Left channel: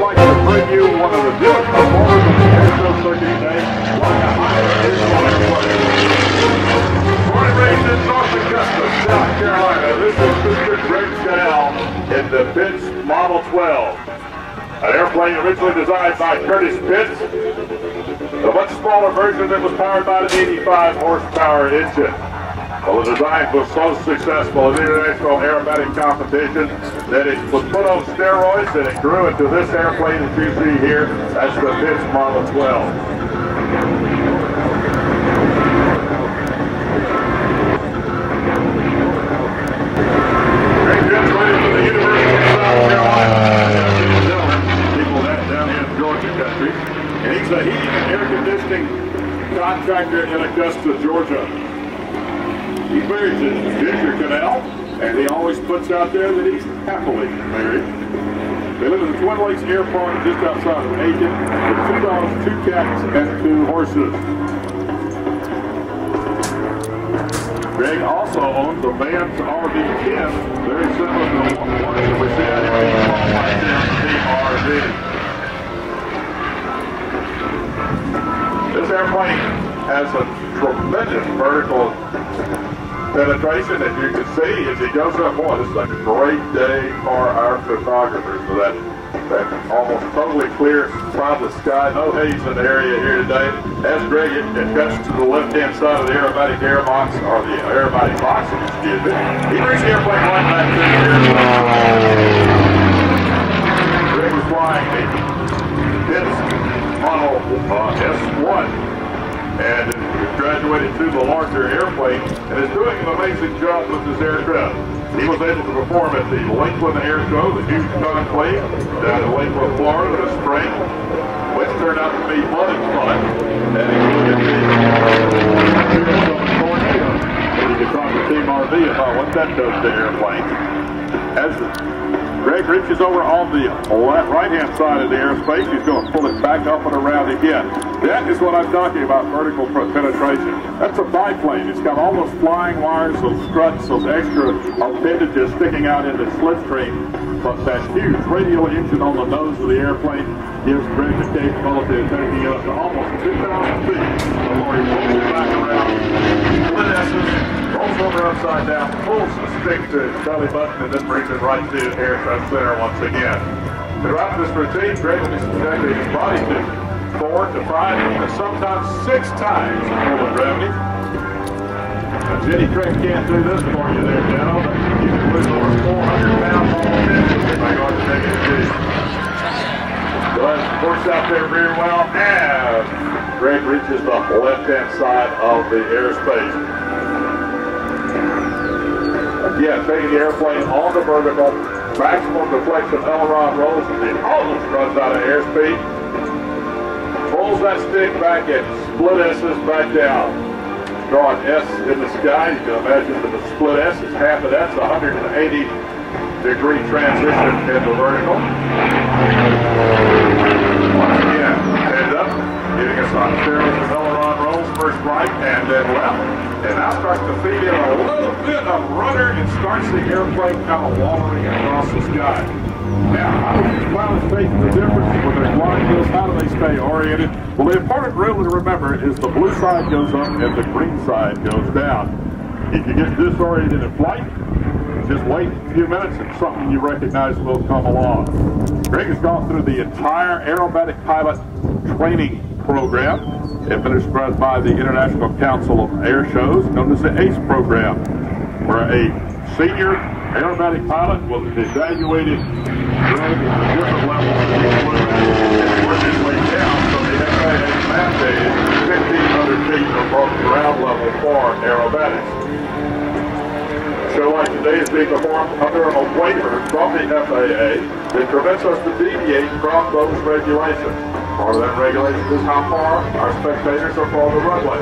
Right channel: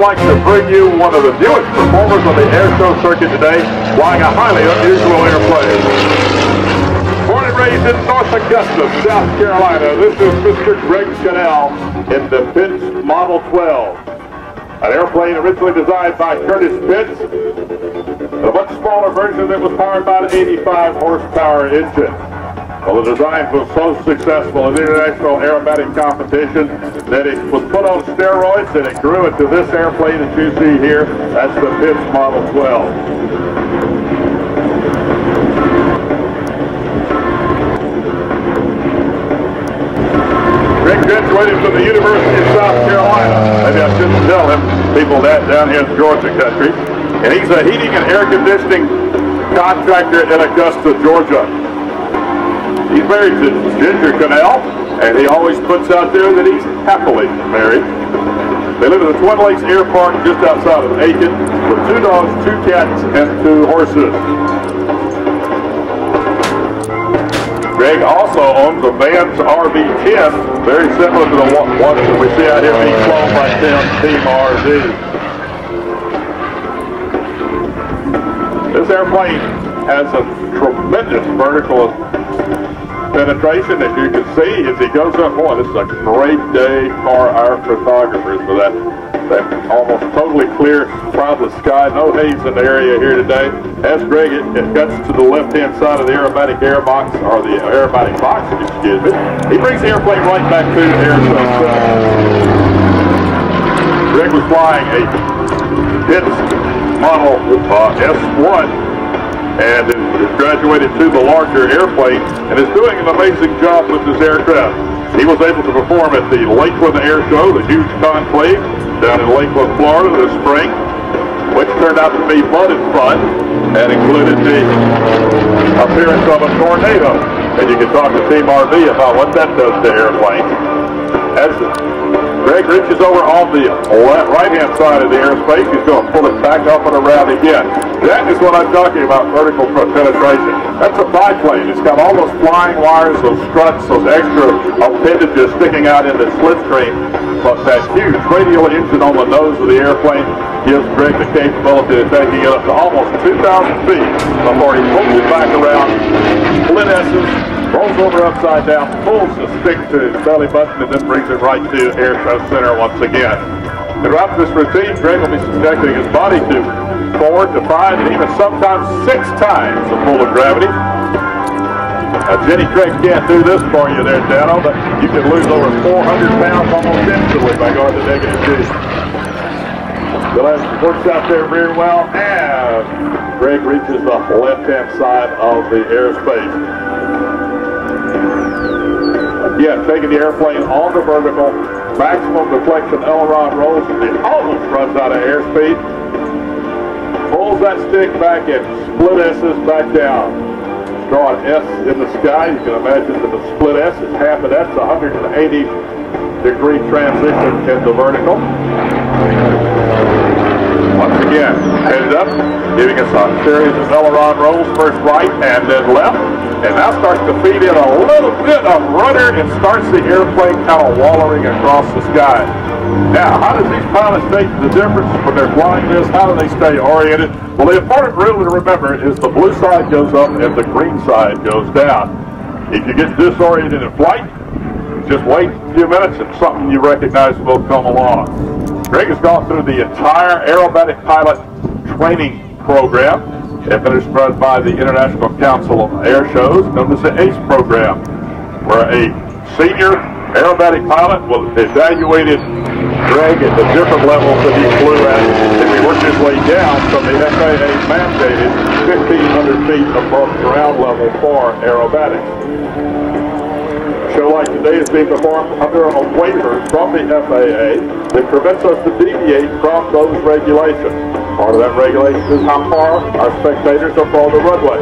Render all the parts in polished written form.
I'd like to bring you one of the newest performers on the Airshow circuit today, flying a highly unusual airplane. Born and raised in North Augusta, South Carolina, this is Mr. Connell in the Pitts Model 12. An airplane originally designed by Curtis Pitts, a much smaller version that was powered by an 85 horsepower engine. Well, the design was so successful in international aerobatic competition that it was put on steroids and it grew into this airplane that you see here. That's the Pitts Model 12. Greg graduated from the University of South Carolina. People down here in Georgia country. And he's a heating and air conditioning contractor in Augusta, Georgia. He's married to Ginger Connell, and he always puts out there that he's happily married. They live at the Twin Lakes Air Park just outside of Aiken with 2 dogs, 2 cats, and 2 horses. Greg also owns a Vans RV-10, very similar to the one that we see out here on the Team RV. This airplane has a tremendous vertical penetration, as you can see, as he goes up. Boy, this is a great day for our photographers for that almost totally clear side of the sky. No haze in the area here today. As Greg it cuts to the left-hand side of the aerobatic air box, or the aerobatic box, excuse me. He brings the airplane right back to here. Greg is flying a Pitts Model S1. And is graduated to the larger airplane and is doing an amazing job with this aircraft. He was able to perform at the Lakeland Air Show, the huge conclave down in Lakeland, Florida this spring, which turned out to be fun and included the appearance of a tornado. And you can talk to Team RV about what that does to airplanes. As Greg reaches over on the right-hand side of the airspace, he's going to pull it back up and around again. That is what I'm talking about, vertical penetration. That's a biplane. It's got all those flying wires, those struts, those extra appendages sticking out in the slipstream. But that huge radial engine on the nose of the airplane gives Greg the capability of taking it up to almost 2,000 feet before he pulls it back around, split S's, rolls over upside down, pulls the stick to his belly button, and then brings it right to Airshow Center once again. Throughout this routine, Greg will be subjecting his body to 4 to 5, even sometimes 6 times the pull of gravity. Now, Jenny Craig can't do this for you there, Dano, but you can lose over 400 pounds on the engine with regard to taking it to. So that works out there very well, and Greg reaches the left-hand side of the airspace. Again, taking the airplane on the vertical, maximum deflection aileron rolls, and it almost runs out of airspeed. Pulls that stick back and split S's back down. Draw an S in the sky. You can imagine that the split S is half of that's 180-degree transition into vertical. Again, headed up, giving us a series of aileron rolls, first right and then left. And now starts to feed in a little bit of rudder and starts the airplane kind of wallowing across the sky. Now, how do these pilots make the difference when they're flying this? How do they stay oriented? Well, the important rule to remember is the blue side goes up and the green side goes down. If you get disoriented in flight, just wait a few minutes and something you recognize will come along. Greg has gone through the entire aerobatic pilot training program administered by the International Council of Airshows, known as the ACE program, where a senior aerobatic pilot will evaluate Greg at the different levels that he flew at and work his way down from the FAA mandated 1,500 feet above ground level for aerobatics. So like today is being performed under a waiver from the FAA that prevents us to deviate from those regulations. Part of that regulation is how far our spectators are from the runway.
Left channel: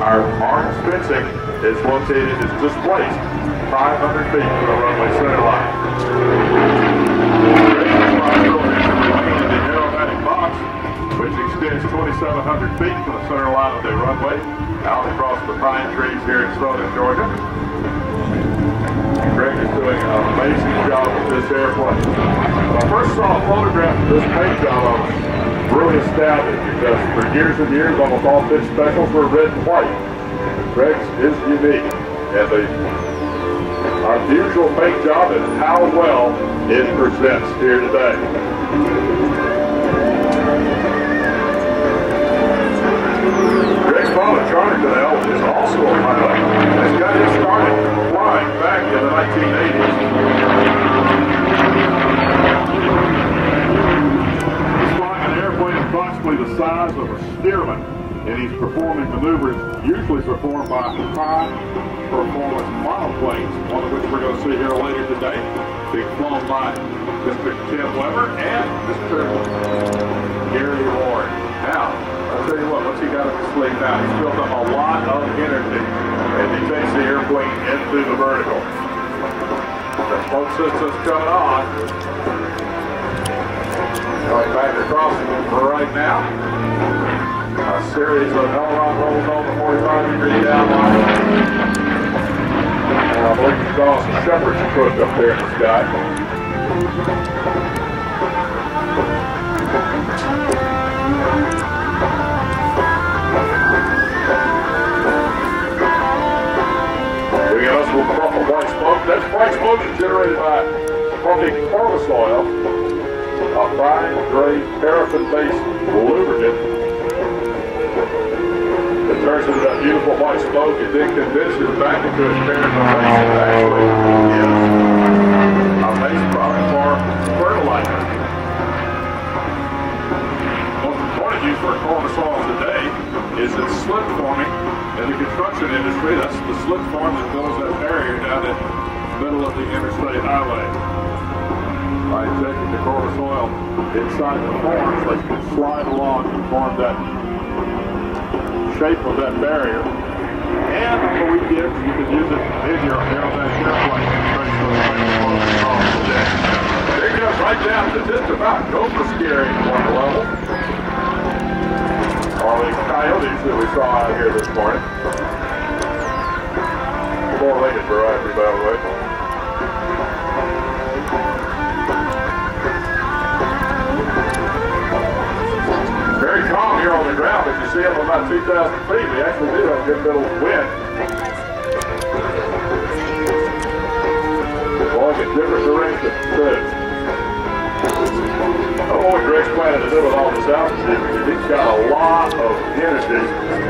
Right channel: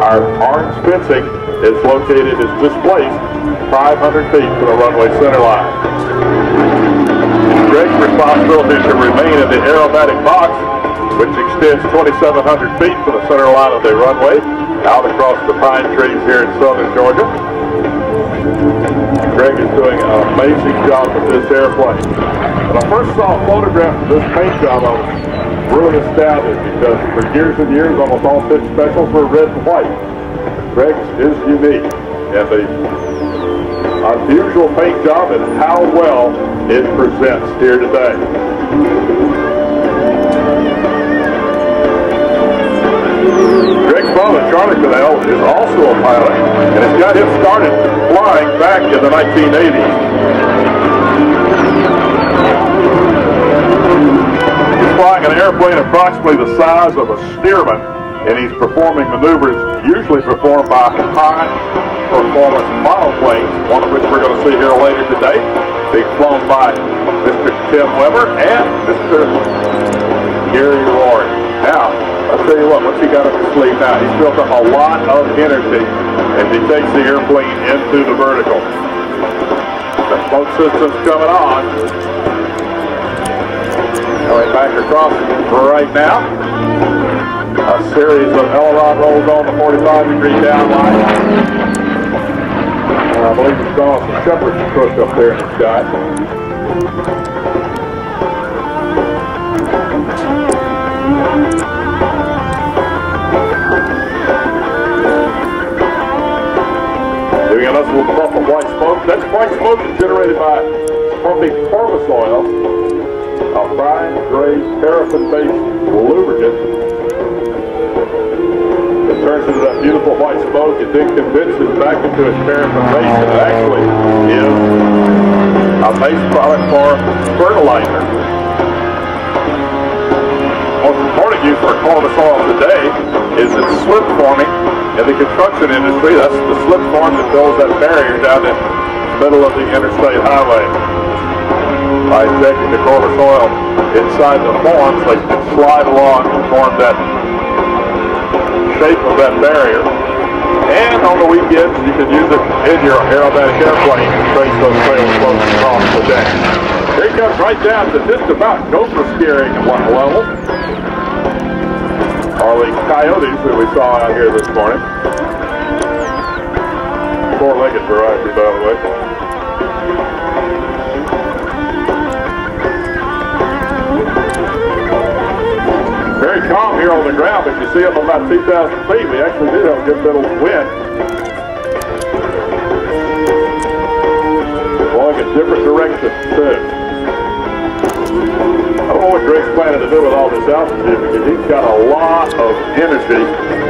Our arms fencing is located, is displaced 500 feet to the runway center line. Greg's responsibility to remain in the aerobatic box, which extends 2,700 feet from the center line of the runway, out across the pine trees here in southern Georgia. Greg is doing an amazing job with this airplane. When I first saw a photograph of this paint job, I was really astounded because for years and years, almost all fixed specials were red and white. Greg's is unique. And our usual paint job is how well it presents here today. Greg's father, Charlie Connell, is also a pilot and got him started flying back in the 1980s. He's flying an airplane approximately the size of a Stearman, and he's performing maneuvers usually performed by high-performance monoplanes, one of which we're going to see here later today, being flown by Mr. Tim Weber and Mr. Gary Rory. Now, I'll tell you what you got up his sleeve now. He's built up a lot of energy as he takes the airplane into the vertical. The smoke system's coming on. Going back across right now. A series of aileron rolls on the 45-degree down. I believe we saw some shepherds push up there in the sky. Doing us with a puff of white smoke. That's white smoke generated by pumping corpus oil, a fine gray paraffin-based lubricant. It turns into that beautiful white smoke. It then condenses back into its parent formation. Actually, a base product for fertilizer. Most important use for corpus oil today is its slip forming. In the construction industry, that's the slip form that builds that barrier down the middle of the interstate highway. By injecting the corpus oil inside the forms, they can slide along and form that shape of that barrier. And on the weekends, you can use it in your aerobatic airplane to take those sails close across the deck. Here it comes right down to just about Gopher steering one level. Orleans Coyotes that we saw out here this morning. Four-legged variety, by the way. Very calm here on the ground, but you see up about 2,000 feet, we actually did have a good bit of wind. Blowing in different directions, too. I don't know what Greg's planning to do with all this altitude, but he's got a lot of energy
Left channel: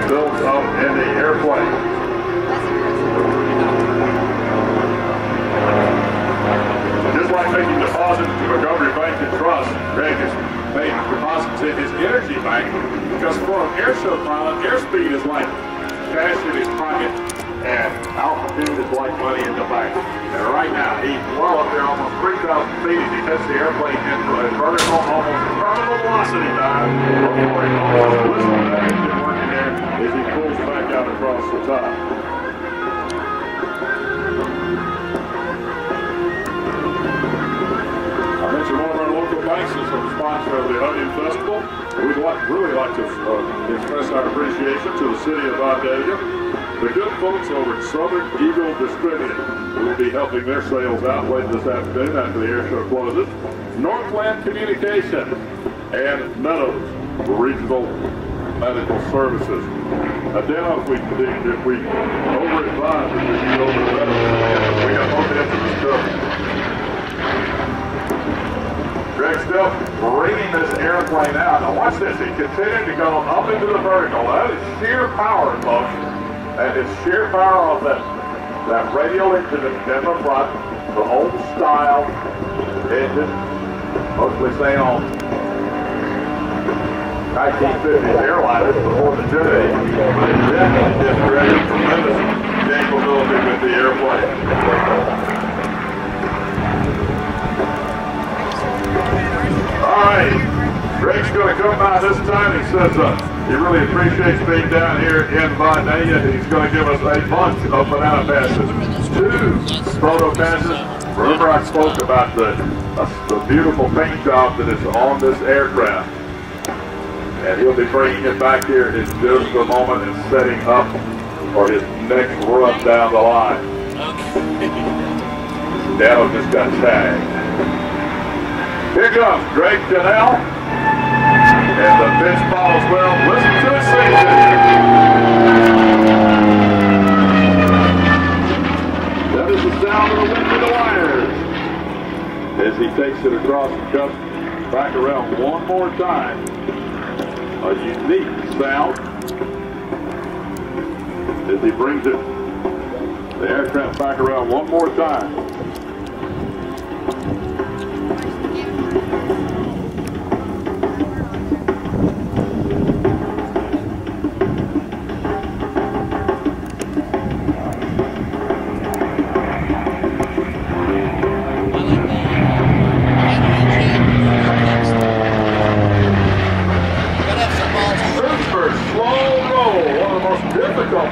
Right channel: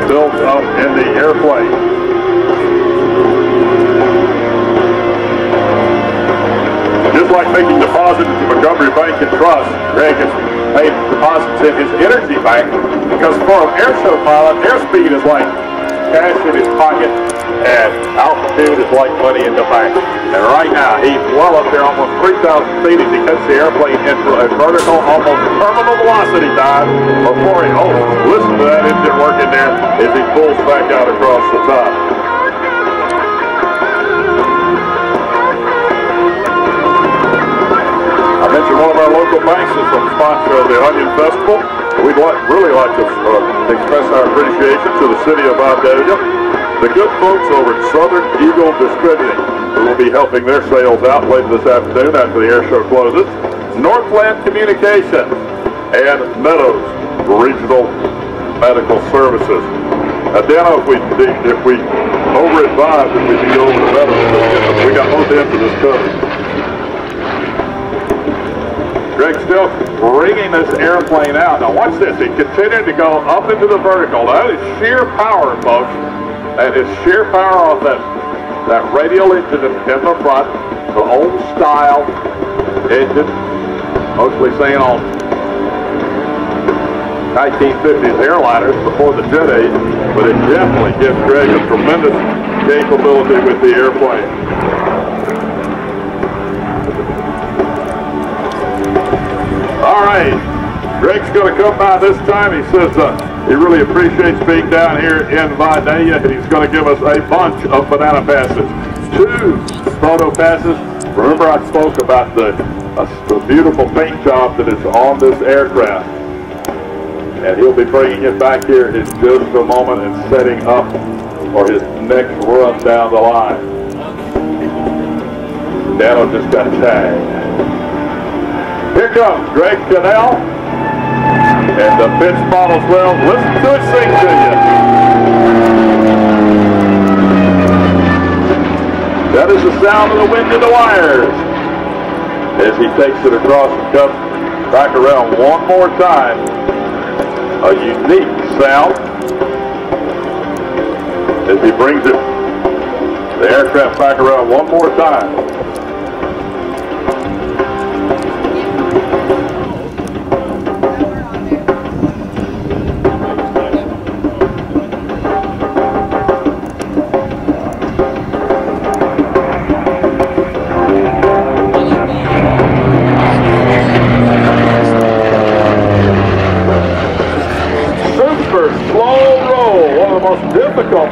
built up in the airplane. Just like making deposits to Montgomery Bank and Trust, Greg has made deposits in his energy bank because for an airshow pilot, airspeed is like cash in his pocket and altitude is like money in the bank. And right now, he's well up there, almost 3,000 feet as he cuts the airplane into a vertical, almost terminal velocity dive before he listen to that engine working there as he pulls back out across the top. I mentioned one of our local banks is a sponsor of the Onion Festival. We'd really like to express our appreciation to the city of Vidalia, the good folks over at Southern Eagle Distributing, who will be helping their sales out later this afternoon after the air show closes, Northland Communications, and Meadows Regional Medical Services. Now, Dan, if we over-advise, if we can go over the medical, we got more into this story. Greg's still bringing this airplane out. Now watch this. He's continuing to go up into the vertical. That is sheer power, folks. That is sheer power off that radial engine in the front, the old style engine, mostly seen on 1950s airliners before the jet age, but it definitely gives Greg a tremendous capability with the airplane. All right, Greg's going to come by this time. He says he really appreciates being down here in Vidalia, and he's going to give us a bunch of banana passes. 2 photo passes. Remember I spoke about the beautiful paint job that is on this aircraft. And he'll be bringing it back here in just a moment and setting up for his next run down the line. Okay. Dano just got tagged. Here comes Greg Connell. And the pitch follows down. Listen to it safety. That is the sound of the wind in the wires. As he takes it across and comes back around one more time. A unique sound. As he brings it, the aircraft back around one more time.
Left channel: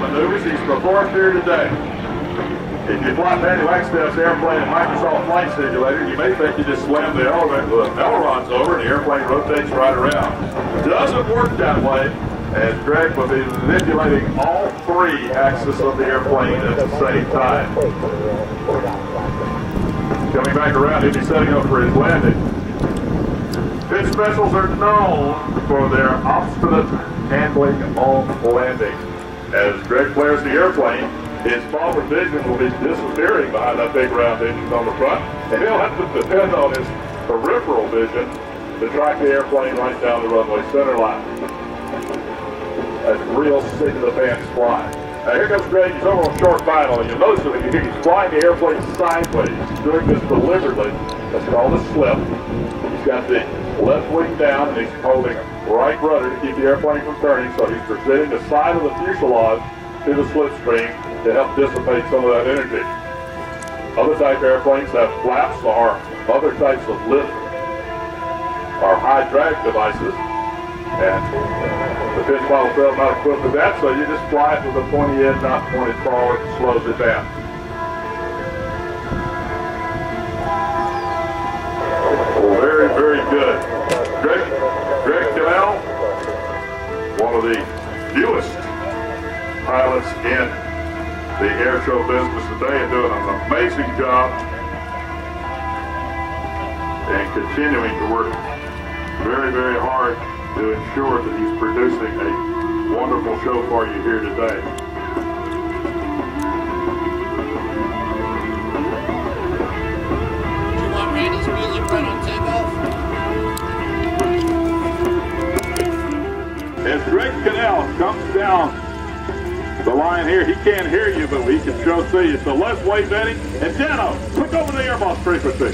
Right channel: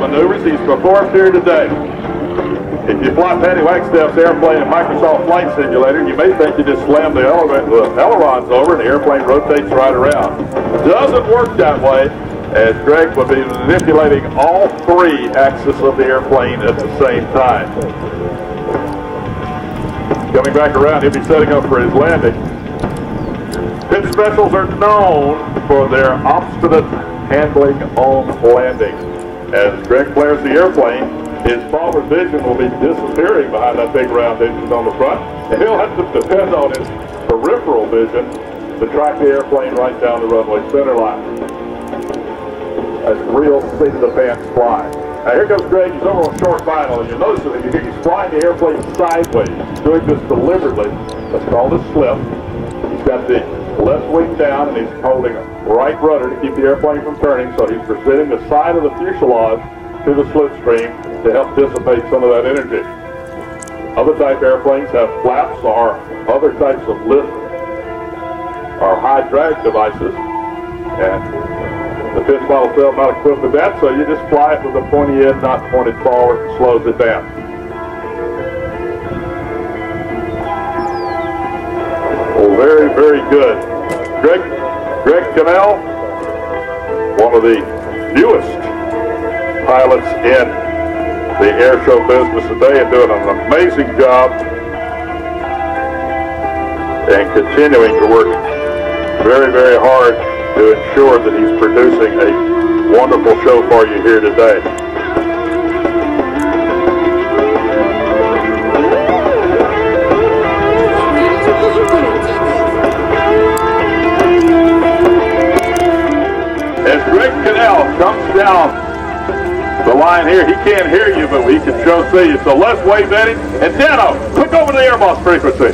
Maneuvers he's performed here today. If you fly Penny Wagstaff's airplane Microsoft Flight Simulator, you may think you just slammed the ailerons over and the airplane rotates right around. Doesn't work that way, as Greg will be manipulating all three axes of the airplane at the same time. Coming back around, he'll be setting up for his landing. Pit specials are known for their obstinate handling on landing. As Greg flares the airplane, his forward vision will be disappearing behind that big round engine on the front, and he'll have to depend on his peripheral vision to track the airplane right down the runway center line. That's real seat-of-the-pants flying. Now here comes Greg. He's over on short final, and you'll notice that he's flying the airplane sideways. He's doing this deliberately. That's called a slip. He's got the left wing down, and he's holding right rudder to keep the airplane from turning, so he's presenting the side of the fuselage to the slipstream to help dissipate some of that energy. Other type airplanes have flaps or other types of lift or high drag devices, and the pitch model failed not equipped with that, so you just fly it with a pointy end, not pointed forward, and slows it down. Oh, very, very good. Greg Connell, one of the newest pilots in the air show business today, and doing an amazing job and continuing to work very, very hard to ensure that he's producing a wonderful show for you here today. As Greg Connell comes down the line here, he can't hear you, but we can sure see you. So let's wave at him. And Dano, click over the air boss frequency.